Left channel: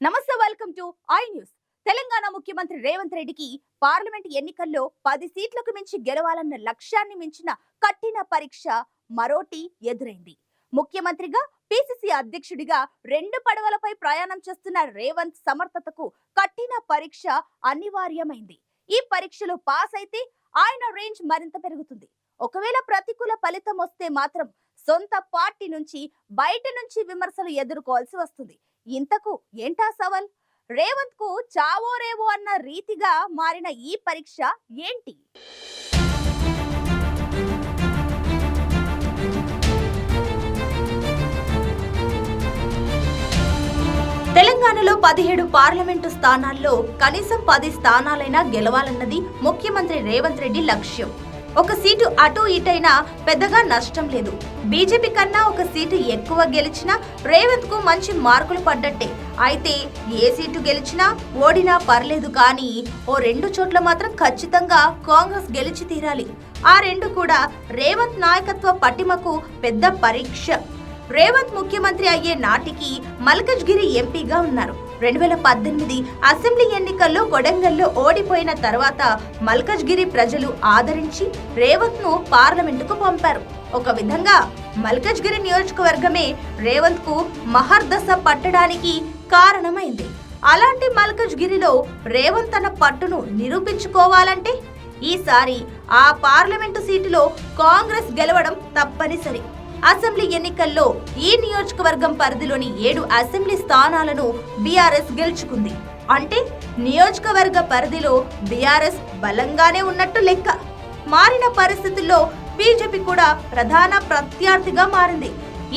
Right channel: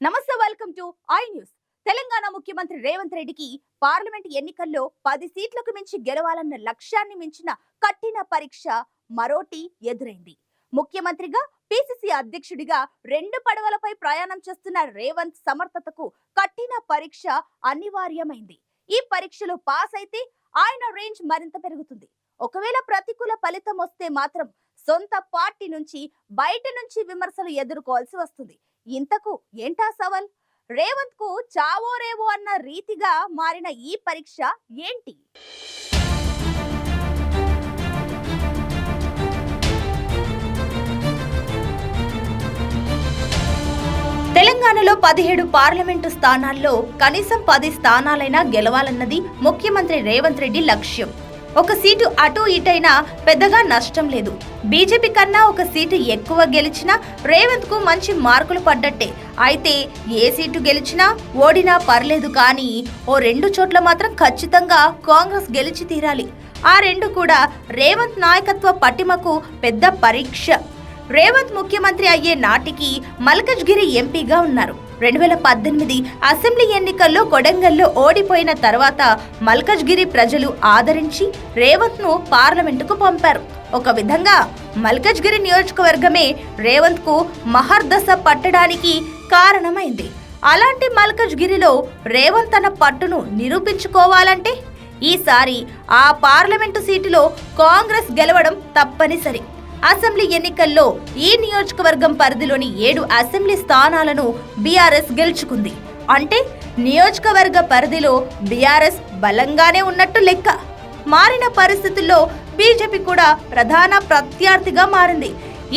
నమస్తే, welcome to I news. Telangana ముఖ్యమంత్రి రేవంత్ రెడ్డికి పార్లమెంట్ ఎన్నికల్లో 10 సీట్లకు మించి గెలవాలన్న లక్ష్యాన్ని మించిన కఠిన పరీక్ష మరోటి ఎదురైంది. ముఖ్యమంత్రిగా, పిసిసి అధ్యక్షుడిగా 2 పడవలపై ప్రయాణం చేస్తున్న రేవంత్ సమర్థతకు కఠిన పరీక్ష అనివార్యమైంది. ఈ పరీక్షలో పాస్ అయితే ఆయన రేంజ్ మరింత పెరుగుతుంది. ఒకవేళ ప్రతికూల ఫలితం వస్తే మాత్రం సొంత పార్టీ నుంచి, బయట నుంచి విమర్శలు ఎదుర్కోవాల్సి వస్తుంది. ఇంతకు ఏంటా సవాల్? రేవంత్ కు చావో రేవో అన్న రీతిగా మారిన ఈ పరీక్ష ఏంటి? తెలంగాణలో 17 పార్లమెంటు స్థానాల్లో కనీసం 10 స్థానాలైనా గెలవాలన్నది ముఖ్యమంత్రి రేవంత్ రెడ్డి లక్ష్యం. ఒక సీటు అటు ఇటైనా పెద్దగా నష్టం లేదు. బీజేపీ కన్నా ఒక సీటు ఎక్కువ గెలిచినా రేవంత్ కు మంచి మార్కులు పడ్డట్టే. అయితే ఏ సీటు గెలిచినా ఓడినా పర్లేదు, కానీ ఓ 2 చోట్ల మాత్రం ఖచ్చితంగా కాంగ్రెస్ గెలిచి తీరాలి. ఆ 2 కూడా రేవంత్ నాయకత్వ పటిమకు పెద్ద పరీక్ష. రేవంత్ ముఖ్యమంత్రి అయ్యే నాటికి మల్కజ్గిరి ఎంపీగా ఉన్నారు. 2018 అసెంబ్లీ ఎన్నికల్లో కొడంగల్లో ఓడిపోయిన తర్వాత మల్కజ్గిరి ప్రజలు ఆదరించి రేవంత్ ను పార్లమెంటుకు పంపారు. ఒక విధంగా మల్కజ్గిరి నియోజకవర్గమే రేవంత్ కు మహర్దశ పట్టడానికి కారణమైంది. అలాంటి మల్కజ్గిరిలో రేవంత్ తన పట్టును నిరూపించుకోవాలంటే ఈసారి ఆ పార్లమెంటు సీటులో కాంగ్రెస్ గెలవడం తప్పనిసరి. అసెంబ్లీ ఎన్నికల్లో ఈ నియోజకవర్గం పరిధిలోని 7 అసెంబ్లీ స్థానాలను బీఆర్ఎస్ గెలుచుకుంది. అంటే నియోజకవర్గ పరిధిలో బీఆర్ఎస్ బలంగానే ఉన్నట్టు లెక్క. మారిన పరిస్థితుల్లో బీజేపీ కూడా ప్రధాన ప్రత్యర్థిగా మారింది.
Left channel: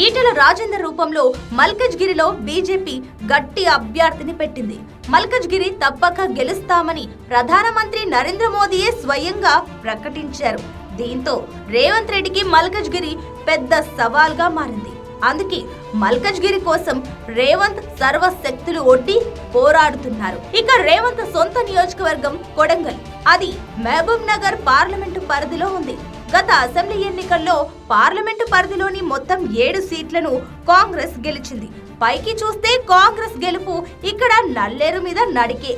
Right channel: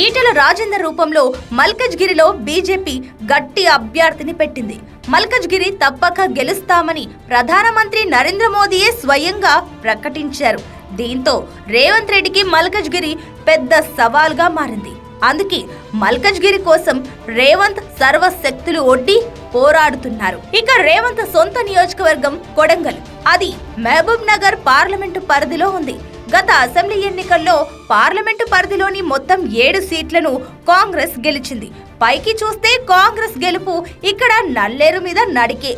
ఈటెల రాజేందర్ రూపంలో మల్కజ్గిరిలో బీజేపీ గట్టి అభ్యర్థిని పెట్టింది. మల్కజ్గిరి తప్పక గెలుస్తామని ప్రధానమంత్రి నరేంద్ర మోదీయే స్వయంగా ప్రకటించారు. దీంతో రేవంత్ రెడ్డికి మల్కజ్గిరి పెద్ద సవాల్గా మారింది. అందుకే మల్కజ్గిరి కోసం రేవంత్ సర్వశక్తులు ఒడ్డి పోరాడుతున్నారు. ఇక రేవంత్ సొంత నియోజకవర్గం కొడంగల్. అది మహబూబ్ నగర్ పార్లమెంటు పరిధిలో ఉంది. గత అసెంబ్లీ ఎన్నికల్లో పార్లమెంటు పరిధిలోని మొత్తం 7 సీట్లను కాంగ్రెస్ గెలిచింది. పైకి చూస్తే కాంగ్రెస్ గెలుపు ఇక్కడ నల్లేరు మీద నడికే.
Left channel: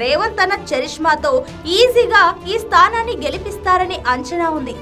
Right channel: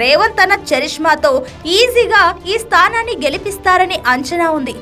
రేవంత్ తన చరిష్మాతో ఈజీగా ఈ స్థానాన్ని గెలిపిస్తారని అంచనా ఉంది.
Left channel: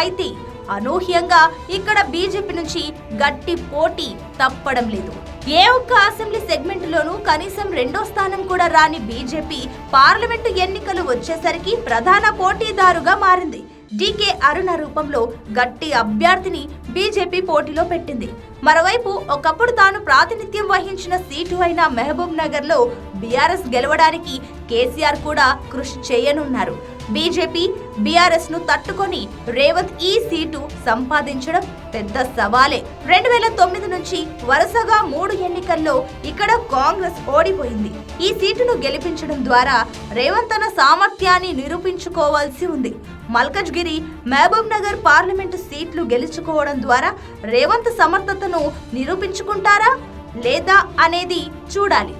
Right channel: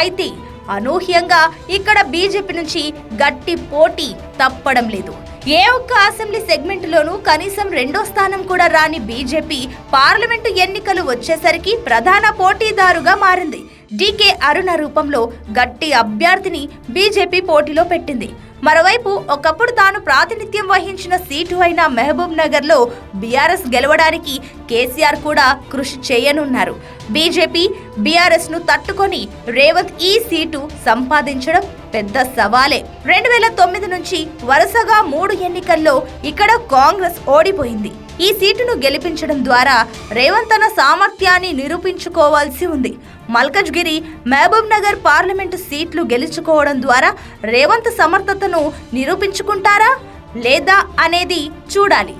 అయితే అనూహ్యంగా ఇక్కడ బీజేపీ నుంచి గట్టి పోటీ తప్పడం లేదు. ఏ ఒక్క అసెంబ్లీ సెగ్మెంట్లోనూ కనీసం 2వ స్థానం కూడా రాని బీజేపీ పార్లమెంటు ఎన్నికలు వచ్చేసరికి ప్రధాన పోటీదారుగా మారింది. డీకే అరుణ రూపంలో గట్టి అభ్యర్థిని బీజేపీ పోటీలో పెట్టింది. మరోవైపు ఒకప్పుడు తాను ప్రాతినిధ్యం వహించిన సీటు అయిన మహబూబ్ నగర్ లో బీఆర్ఎస్ గెలవడానికి కేసీఆర్ కూడా కృషి చేయనున్నారు. బీజేపీ బీఆర్ఎస్ ను తట్టుకొని రేవంత్ ఈ సీటు సంపాదించడం పెద్ద సవాలే. 2009 నుంచి వరుసగా 3 ఎన్నికల్లో ఇక్కడ కాంగ్రెస్ ఓడిపోయింది. ఈ సీటును గెలిపించడం ద్వారా రేవంత్ తన సామర్థ్యాన్ని నిరూపించుకోవాల్సి ఉంది. మల్కజ్గిరి, మహబూబ్ నగర్ పార్లమెంటు సీట్లు గెలుచుకోవడం ద్వారా రేవంత్ సమర్థతను నిరూపించుకుంటారా లేదా అనేది చూడాలి.